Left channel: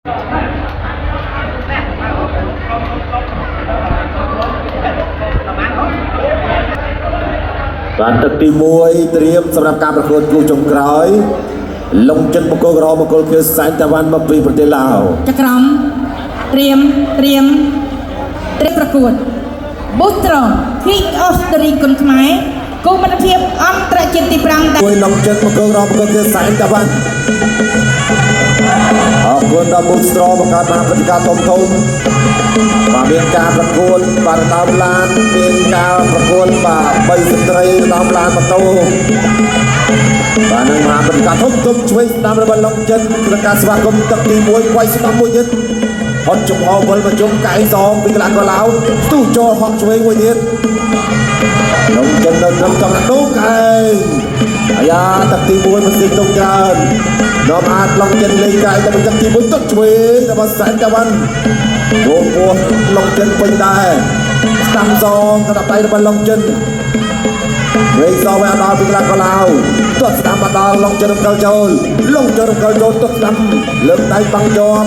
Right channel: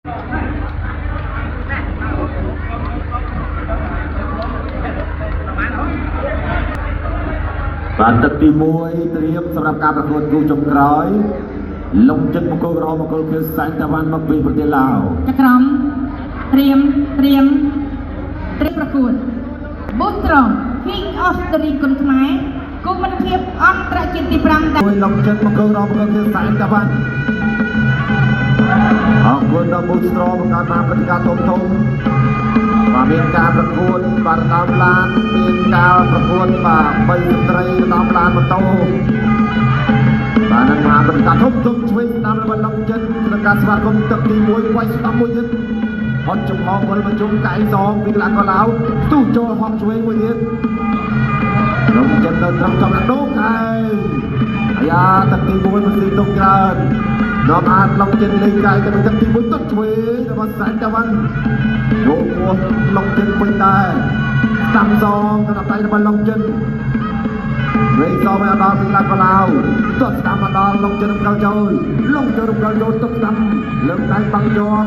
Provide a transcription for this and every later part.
បានទឹកទី1ត្រៀមសម្រាប់ការប្រកួតគូចុងក្រោយលំចិត្តមង្គលក្រមង្គលគឺសែនតាវ៉ាន់មកពីប្រទេសឡាវចក្រមត្រៀមប្រកួត Booster King of the Ring គុនខ្មែរគូមិត្តភាពអន្តរជាតិទី5មួយលំចិត្តមង្គលក្រមង្គលគឺសែនតាវ៉ាន់អរគុណដល់ Booster បង្កើតបានព្រឹត្តិការណ៍ធំបាទមានការប្រកួតបាទដល់ឡានមានការប្រកួតបាទ3ស្ត្រីដល់ឡានម៉ូតូបាទនឹងបានព្រឹត្តិការណ៍ធំជួយស្ដាប់របស់លំចិត្តក្នុងការស្វាគមន៍ទឹកទី1វាយស្ដាប់មួយទៀតហត់ចំហវិលមកជុំកែសងពីកន្លះកន្លៅស្ទុះចូលហក់ឆ្វេងមួយទៀតលំចិត្តនៅក្នុងចំណុចនោះកែអាយ៉ាទឹកទី1មិនស៊ីទុកច្រើនដល់អាចលំចិត្តលេងកែទៅទឹកទី1ទឹកឆ្វេងរបស់សែនតាវ៉ាន់រងពោះលំចិត្តពេញដែរស្ដាំសងកណ្ដាប់ដៃរបស់លំចិត្តវេសោវាដល់ពីកន្លះកន្លៅទស្សស្ដាំមកដល់លំចិត្តរំកិលចូលលំចិត្តរំកិលចូលទស្សស្ដាំលើកដៃបាំងជាប់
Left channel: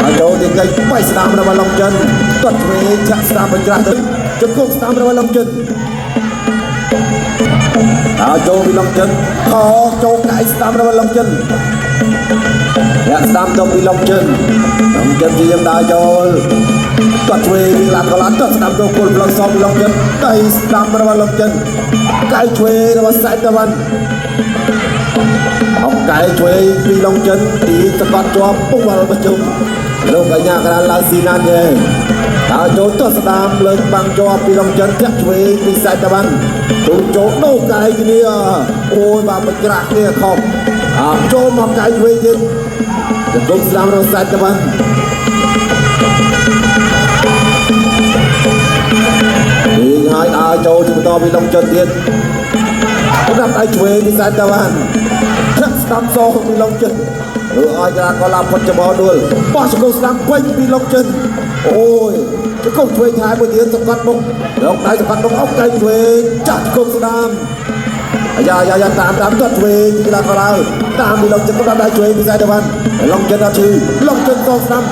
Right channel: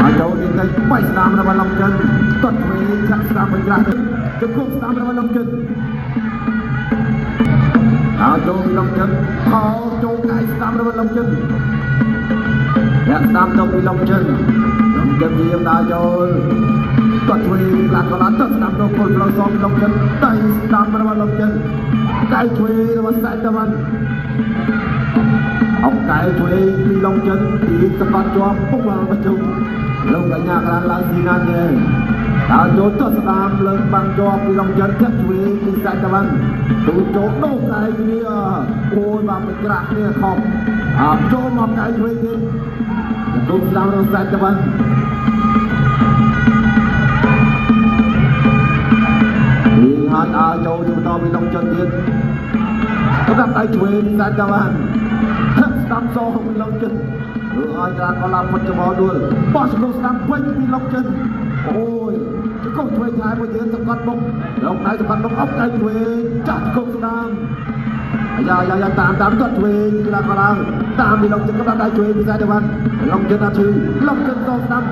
ហើយចូលទីកៃបៃស្ដាំរបស់លំចិត្តទស្សឆ្វេងចាក់ស្ដាំបញ្ច្រាស់ទៅជង្គង់ស្ដាំរបស់លំចិត្តហើយចូលពីលំចិត្តខចូលកៃស្ដាំរបស់លំចិត្តអ្នកស្ដាំទៅពីលំចិត្តជាយ៉ាងដើរចូលទស្សឆ្វេងឡាប់កន្លងទស្សស្ដាំចូលគល់ផ្លូវសងពីលំចិត្តកៃស្ដាំរបស់លំចិត្តកៃឆ្វេងរបស់សែនតាវ៉ាន់អបកែឆ្វេងពីលំចិត្តទីសកត់ជាប់ពុកវល់ប្រជុំលោកកញ្ញាក្រានឡើងស៊ីណានទេហើយចូលទស្សស្ដាំលើកបាំងជាប់ពីលំចិត្តធាក់ឆ្វេងពីសែនតាវ៉ាន់ទូចូលដោកែគ្នាអូយបាទបញ្ច្រាស់គ្នាខំចូលមកកែឆ្វេងទៀតជង្គង់ស្ដាំរបស់សែនតាវ៉ាន់នេះហើយដើរចូលទៅបន្តពីលំចិត្តទៀតសម្រាប់ដៃឆ្វេងពីសែនតាវ៉ាន់ធាក់ស្ដាំសងពីលំចិត្តឬឲ្យកន្លះកន្លះពុតចំហដួលបោះជង្គង់ស្ដាំពេញពីលំចិត្តអូយជង្គង់ឆ្វេងថែមួយទៀតសកាត់មុខរកដៃសកាត់មុខអុកកែឆ្វេងចាក់ជង្គង់ស្ដាំអាយ៉ាតាមទស្សឆ្វេងពីកន្លះកន្លៅតាមពីលំចិត្តក៏ដៃឆ្វេងពីសែនតាវ៉ាន់លំចិត្តអត់ឈឺលំចិត្តក៏ស្ដាំ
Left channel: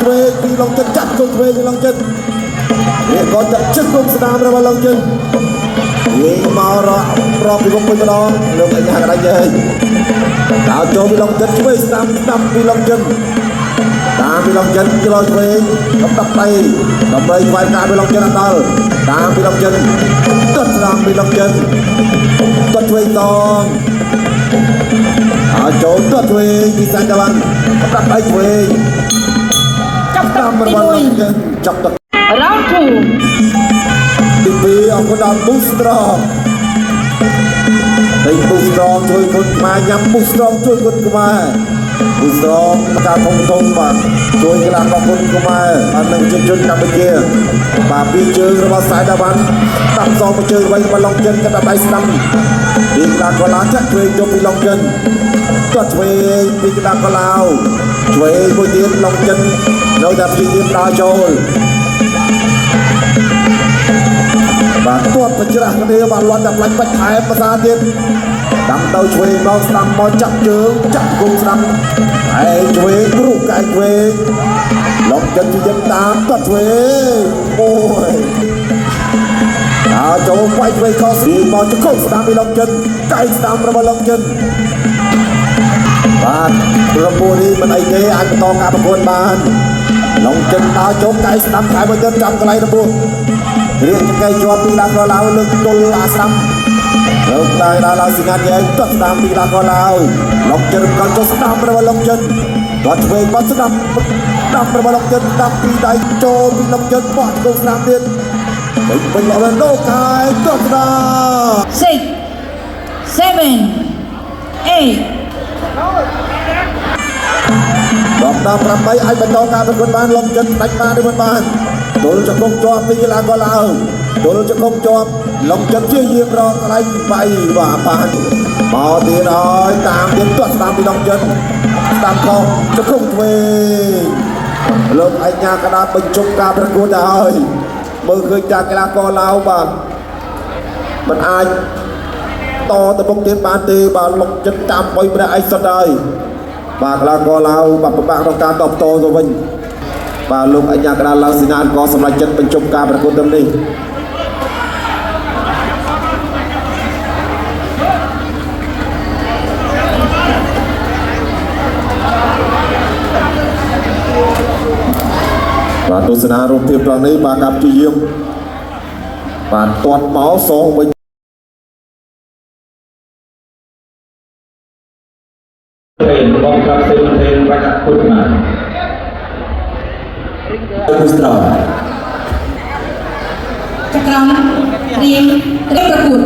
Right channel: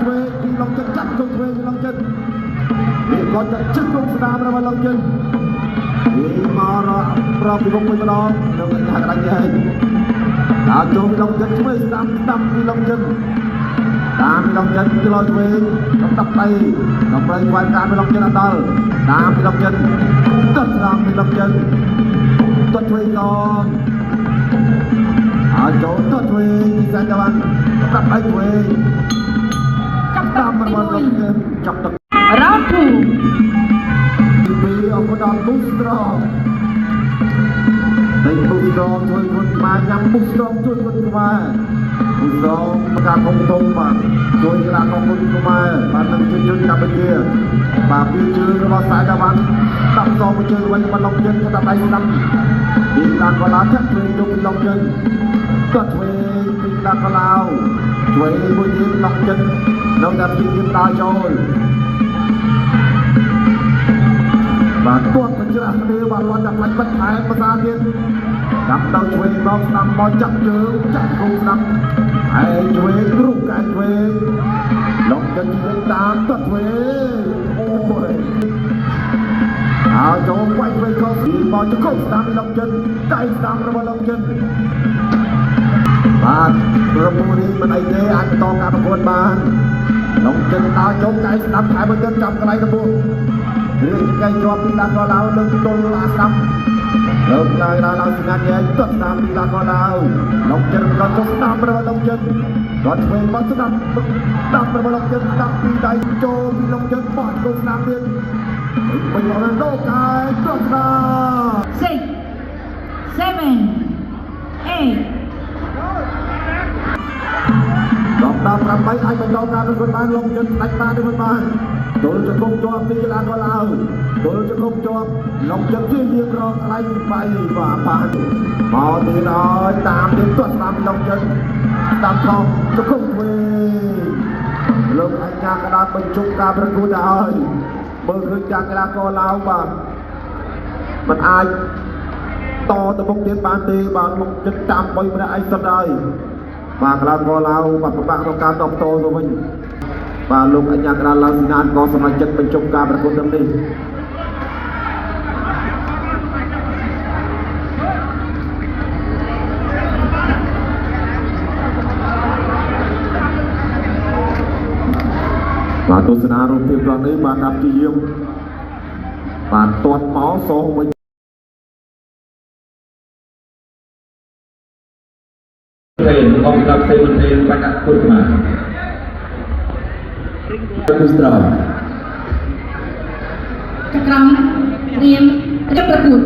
ឆ្វេងពីលំចិត្តចាក់ជង្គង់ឆ្វេងពីលំចិត្តវាក៏ចាក់ជង្គង់ស្ដាំរបស់លំចិត្តវិញមករកពីមុខមួយម្ដងលើកអាយ៉ាកណ្ដាច់ហើយដល់ចូលពីលំចិត្តឆ្វេងស្ដាំពីលំចិត្តតាមពីលំចិត្តចូលឆ្វេងដល់ដៃដើម្បីស្វែងការពីលំចិត្តដល់តាមពីលំចិត្តទស្សស្ដាំពីលំចិត្តទស្សឆ្វេងតងហើយចូលទស្សឆ្វេងពីសែនតាវ៉ាន់ដល់ដៃឆ្វេងចាប់តាមរបស់លំចិត្តចាប់ទឹកRound 2ទី2អរគុណដល់ Booster ហើយ Booster ជួយគុណខ្មែរញ៉ាំ Booster ជួយគុណខ្មែរ Booster មកការធំបាទជួយកន្លះរបស់គុណខ្មែរបាននឹងជាជនកម្ពុជាបាទពីជើងរបស់សែនតាវ៉ាន់តាមសងជើងវិញរបស់ឡុងចិនក៏ដៃស្ដាំពីកន្លះកន្លងចាក់ឆ្វេងចូលពីឡុងចិនទស្សឆ្វេងពីកន្លះកន្លងឆ្វេងមួយទៀតឡុងចិននៅតែពីទៀតដើរចូលបាទទាត់បញ្ច្រាស់គ្នាបាទលាន់តែផ្លាច់បាច់ថែភាសាទៀតដាំទៅឆ្វេងមកស្ដាំមកចាប់ជើងចាប់គូស្ដាំហើយឆ្វេងរូបកែឆ្វេងឡុកចិនជាយើងតាមទាត់ឆ្វេងអូយចូលវាយឆ្វេងខុសពីមកជង្គង់ស្ដាំពីឡុកចិនកែស្ដាំរបស់ឡុកចិនបាទរពូនេះមិនអីទេអាចបន្តការប្រកួតបានឡុកចិនដើរចូលកែស្ដាំខែមួយទៀតចាប់កន្លែងរពូរៀងចង្កេះជាប់ពីឡាកោឡៅលើកទល់អាស្ដាំលើកឡើងដល់ស៊ីណាត់យើងទស្សស្ដាំពីឡាកោឡៅឡុកចិនក៏ចុះស្ដាំរបស់ឡុកចិនគាត់ឆ្វេងបាត់ស្ដាំរបស់ឡុកចិនដាក់ពីដៃចូលពីឡុកចិនបោះទៅស្ដាំទៀតពេញលោកវិញដូកែទស្សស្ដាំ6 7 8ដល់8អាចបន្តការប្រកួតបានឡុកចិនដាច់បានឬមិនបានទល់ជង្គង់ជាប់ពីកន្លះកន្លងទល់ជង្គង់ជាប់ឡុងចិនជាយាមរកកន្លែងវាយបាទបានមកទៀតហើយតាមទៀតទស្សស្ដាំពីឡុងចិនស្ដាំខុសជង្គង់ឆ្វេងលោកអញ្ញាកដាបញ្ចុកការប្រកួតទៅហើយមើលឃើញការកីឡាករឡាវបាទមិនអាច តទៅមុខទៀតបានទេបាទលោកចិត្តតាមបុយម្នាក់ឯងសិនហើយបាទកីឡាករឡាវបាទពិបាកក្នុងការតបតទៅវិញបាទលោកអញ្ញាកដាឡើងសេនាក៏សម្រាប់ចិត្តបញ្ចប់ការប្រកួតទាំងនេះបាទទស្សនារូបភាពត្រង់នេះបាទការព្យាយាមបាទទាត់មកសងវិញគេរបស់ក្លឹបសេមន្ទីរបាក់ពុទ្ធមាគូស្រោចក្រមត្រៀមប្រកួត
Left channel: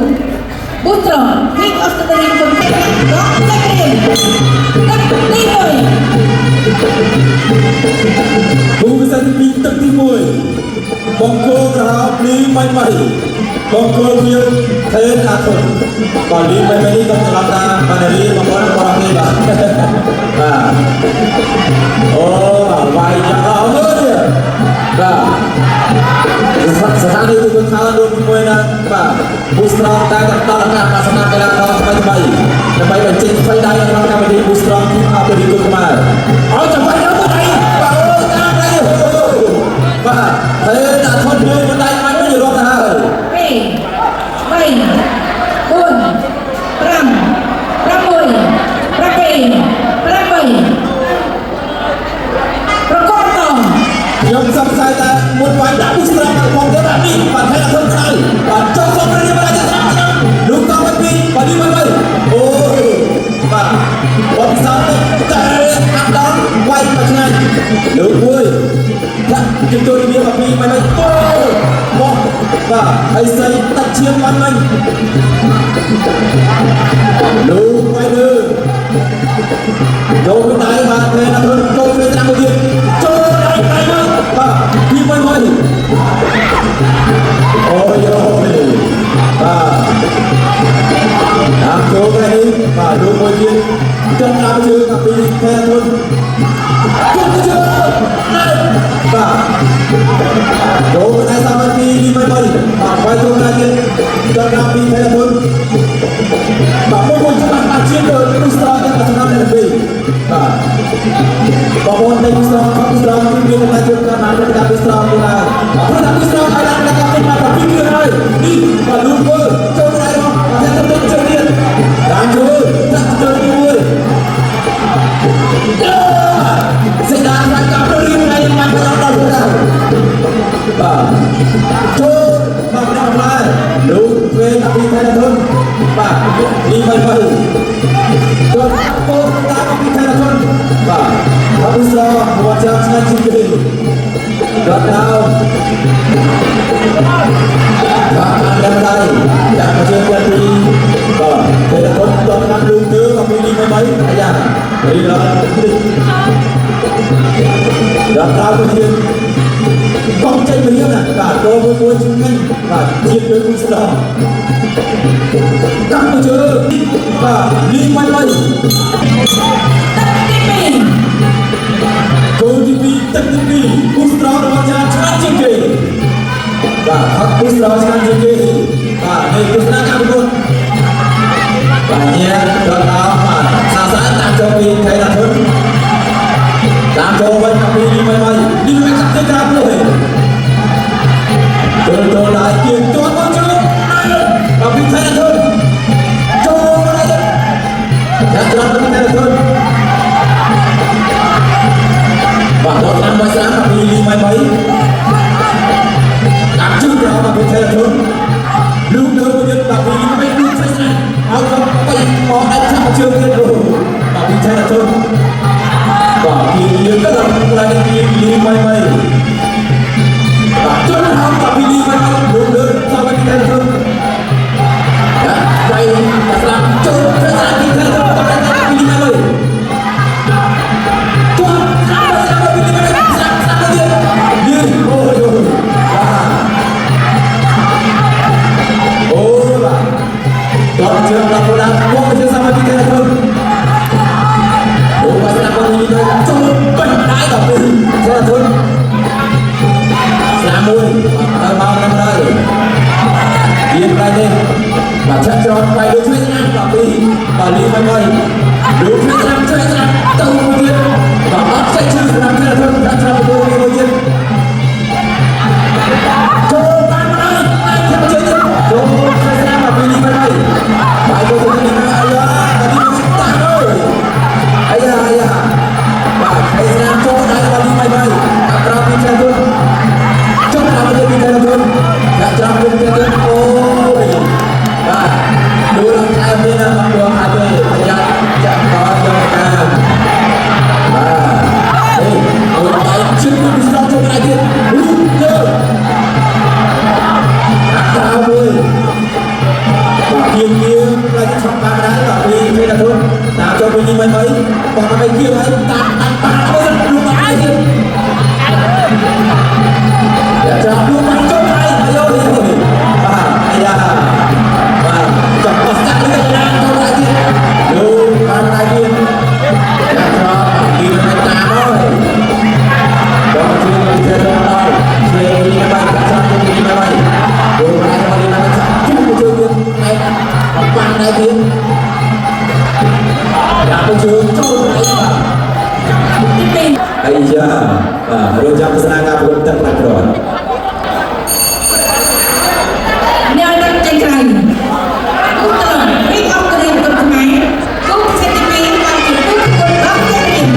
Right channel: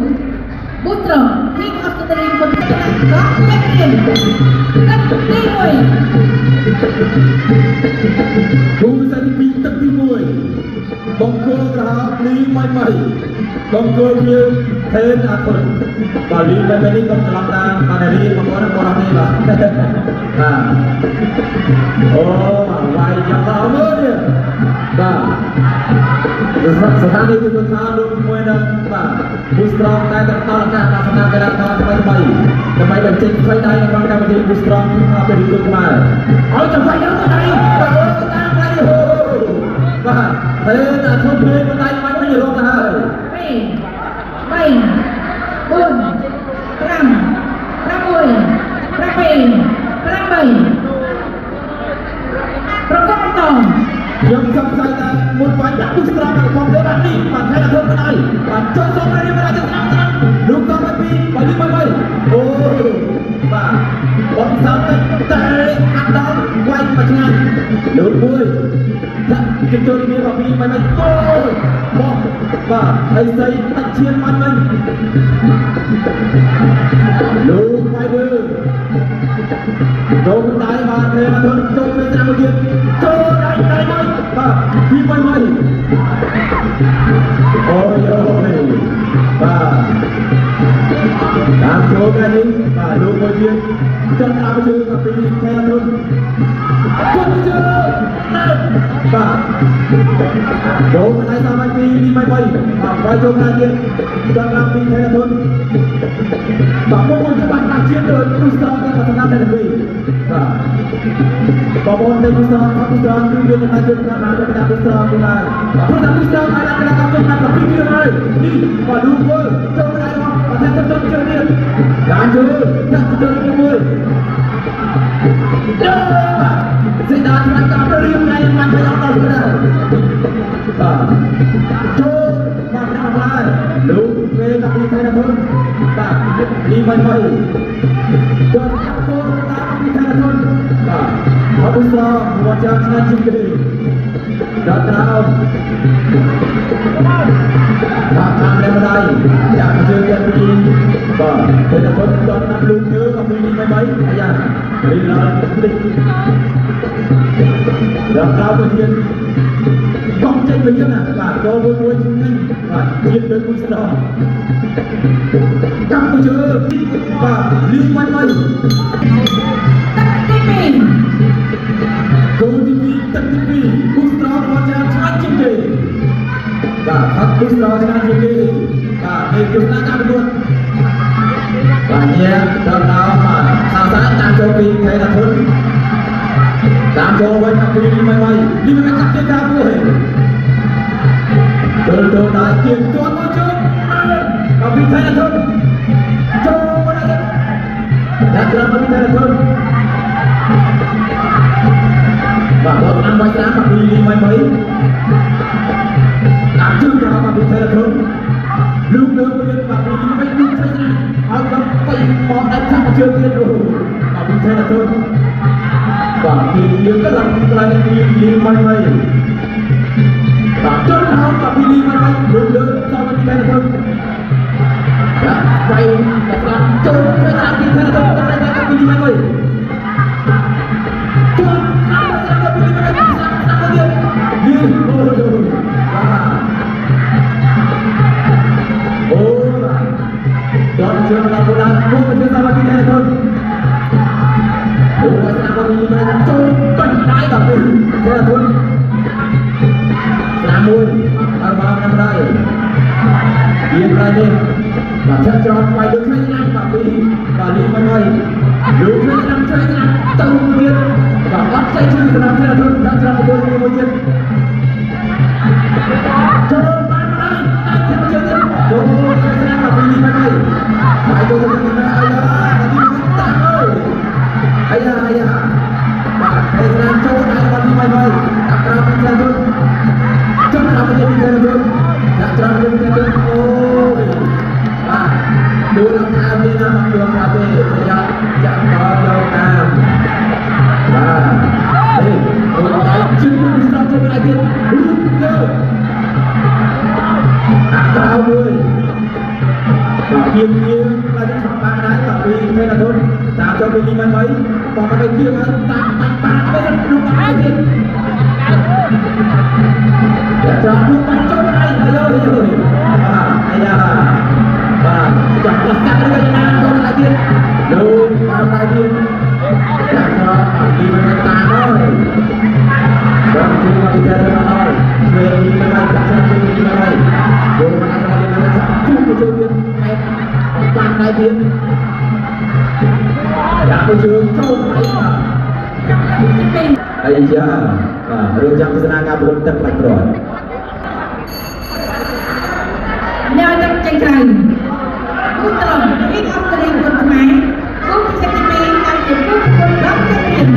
ប៊ូត្រពីអូស្ត្រាលីគុនរកលេខទី1គូវិសាទី2ទឹកទី1បង្គោលក្រហមលីមិនបង្គោលមានថេនអាធុនបាទលីមិននេះក៏ច្រឡំថាបានលីបង្គោលរបស់នេះបាទអូវាយយ៉ាងល្អមើលនេះបាទស្ថានីយ៍ទូទៅខាងដូចជាមួយនឹងបាទប៊ូស្រងតែតតណាស់សម្រាប់កីឡាករថ្មីដើម្បីបញ្ចេញស្វ័យដៃក្នុងកម្មវិធីប៊ូស្រងទីអភិរិគុណខ្មែរឲ្យចាំបាច់ទៅបាទបាទហើយដាក់ឈុតមួយដៃបាច់វិញរកទៅហើយខ្ញុំសង្ស័យថាមុនវាយដាក់ប៊ូស្រងរបស់diaនេះបាទហើយធ្វើស្អីបាទចុះសុំនេះមកដល់ស្រាប់លោកតទៅពីបាទនេះមកអូបាទបបិសាទៅតែអាប់ដល់វាយមកឆ្ងាយលោកមួយដាក់ជិះទៅរបៀបពីមកមកបាទហើយស្អីដាក់ឈាមបាត់វិញលោកវាយលើចូលដៃបាទពេលណាចូលពេលតាមមកទៀតចូលដៃបាទពីមិនមកអូយអូបាទតាមចូលដៃបាទលោកមួយទៀតចាំតាមជើងពីផែទុនចូលជើងបាទចូលដៃតាមពីមិនមកបាទវាយចូលដៃទៀតចាំតាមពីផែទុនបាទមួយច្បាស់អាជាទៅឧស្សាហកម្មសម្រាប់តែពីបាទបងប្អូននៃឧស្សាហកម្មគឺមានការជឿការណាទៅដល់ឧស្សាហកម្មណាព្រោះតែឧស្សាហកម្មអាចដាក់ទៅមកពីនេះហើយនេះក៏លូកមើលចូលដៃមកតែទៅជើងទៀតតាមជួយដាក់ជើងមួយសេដានបានកាប់រៀងហើយបានដល់ដល់បាទចូលមកដល់ហើយលោកពេលពីថៃទុនបាទនេះមិនទៅគាត់ពោលតាមពីថៃទុនបាទអត់ស្គាល់មកចាឆ្ងាយជាងគេដល់ដល់បាទបានតែម្ដាយដាក់ជើងគាត់ពីបាទពេលគាត់ដល់ណាស់លឺទើមកពីនេះមិនអាយ៉ារីរ៉ាដល់ដល់ទៅទៀតកងចេញវិញណាបាទចូលមួយជាងនេះបាទជាតិដូចមួយស្ដាប់កម្មជើបាទលីមិនទៅចូលទី2ទឹកទី2គូស្រោរបស់ចាឆ្លាតជាងគេបាទហាក់គូស្រោឆ្លាតជាងគេបាទនេះគូស្រោកម្មពុទ្ធបាទញ៉ាដល់ដល់បាទសាសាតាមចូលពីថៃតាធុនតាមចូលវិញពីលីមិនមកលីមិនកាត់ទៅក្រៅទេចូលដៃជាងចូលមកជួយបាទពីថៃតាធុនចូលមកដល់ដាក់ច្រត់ពីថៃតាធុនបាទដល់តាមមកស្ដាប់ពីលីមិនមកដាក់ជើងក្រៅមកពីថៃតាធុនលោកនៅវិញបាទពីលីមិនដូចស្អាតឲ្យគាត់ទៅមកដាក់ចាប់ជើងទៀតបាទពីថៃតាធុនបាទពីលីក៏ដល់ប្រដៅពីលីមិនមកបាទចូលតាមបាទពីលីមិនមកលើចូលពីថៃតាធុនដៃស្លាប់ចូលទៅតាមពីថៃតាធុនបាទពីលីមិនមកចូលតាមពីលីមិនមកស្លាប់ទៀតលីអូយអូបាទដល់ជើងដល់ដល់មកជើងតាមពីថៃតាធុន លោកឆ្លងទៅមួយទៀតបាទអត់ស្អីជួយសម្រាប់ការធ្វើការឆ្លងទៅមួយទៀតចូលបានហើយចូលឆ្លងមកពីនេះមកហើយចូលទៅនេះមកអាយ៉ាទីនេះតាអាយ៉ាបាទហើយស្រាមចូលដល់បាល់នេះមកអត្រាពីខាងទៅចូលដល់ពីខាងទៅកាច្រាំពីខាងទៅអូបាទดูหลังคาด้วยนะดูหลังคาด้วยพยายามจับต่อหลังคามาเฮ้ยโอ้ยชิ้นนี้มีสองตัวอะไรกันรู้เยอะตาเลยเกี่ยวอะไรที่ทำมาได้แบบนี้ไม่ได้ทุนตาจะไปยิงมันไหมบอกมันไปเกี่ยวมันตัดเอาดูมาไอ้ที่อยากจะดูมันจบไปแล้วเลยไอ้ยาจับปัสสาวะdengan kau lagi, lu kau lagi, jangan pergi dengan tangan, jangan cuma jalan tangan, sini mana, sana sini mana, boleh kali mana, cuma cuma apa lagi, yang cuma Aisyah, rujak pesanan pun terpaksa. Neo đặt chân cày. Pick up the rim của máy. Giúp cho xe TV làm chuyển bước từ góc chân rim.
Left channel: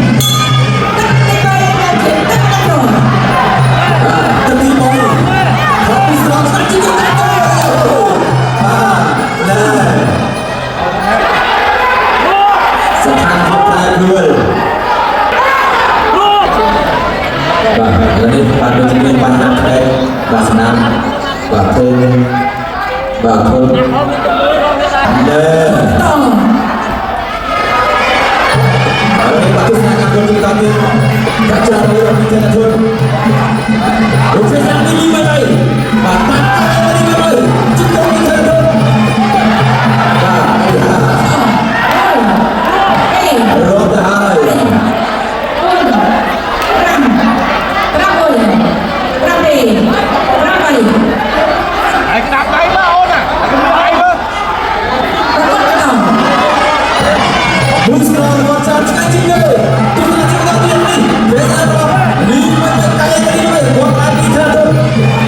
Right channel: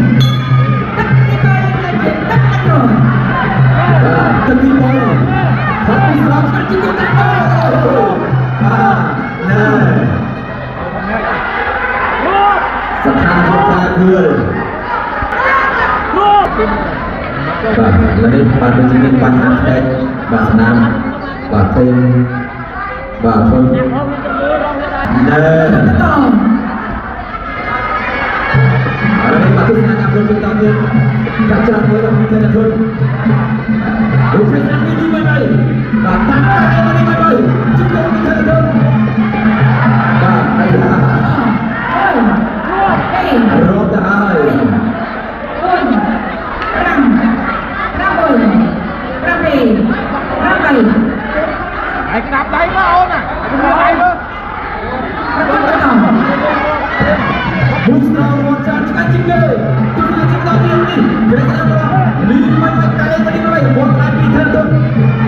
Tắt tay bay làm chuyển tắt tắt rồi. Chân đi bơi. Học đi xong sẵn chứ không tắt rồi. Này. Sẵn sàng học ra người. Jadi pada sini panas dek, senam, thun, ada bagus sangat bagus tadi, kaca berapa kita thun, okey yang ini mana, bapak ada ini mana, cukup kita thun, roh dah. Musra macam cakap juga, kita cakap dia ni, kita apa? Ni macam kaya tadi ni, buat lagi kita.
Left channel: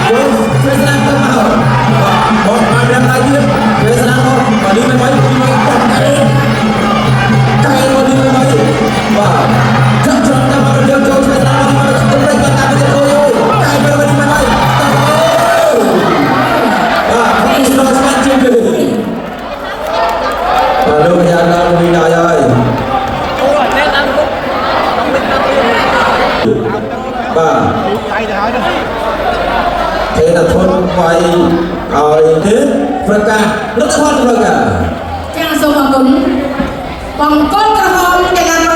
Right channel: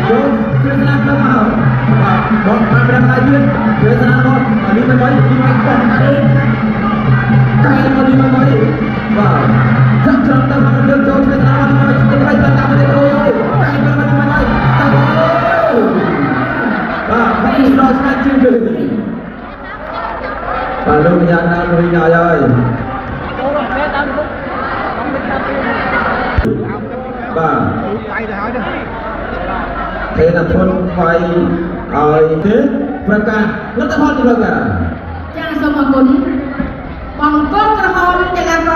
Terus kita tak mahu. Buat apa lagi? Kita nak ni macam buat kaya. Kaya ni macam. Wah, jangan tak mahu jauh kita nak mana kita mereka tak boleh koyo. Kaya ni macam. Musra cakap juga. Lalu yang nak berdaya. Ba, thế là thôn quay thế, phần cả rất là hot rồi cả. Jangan semua pun, pangkot terhormat.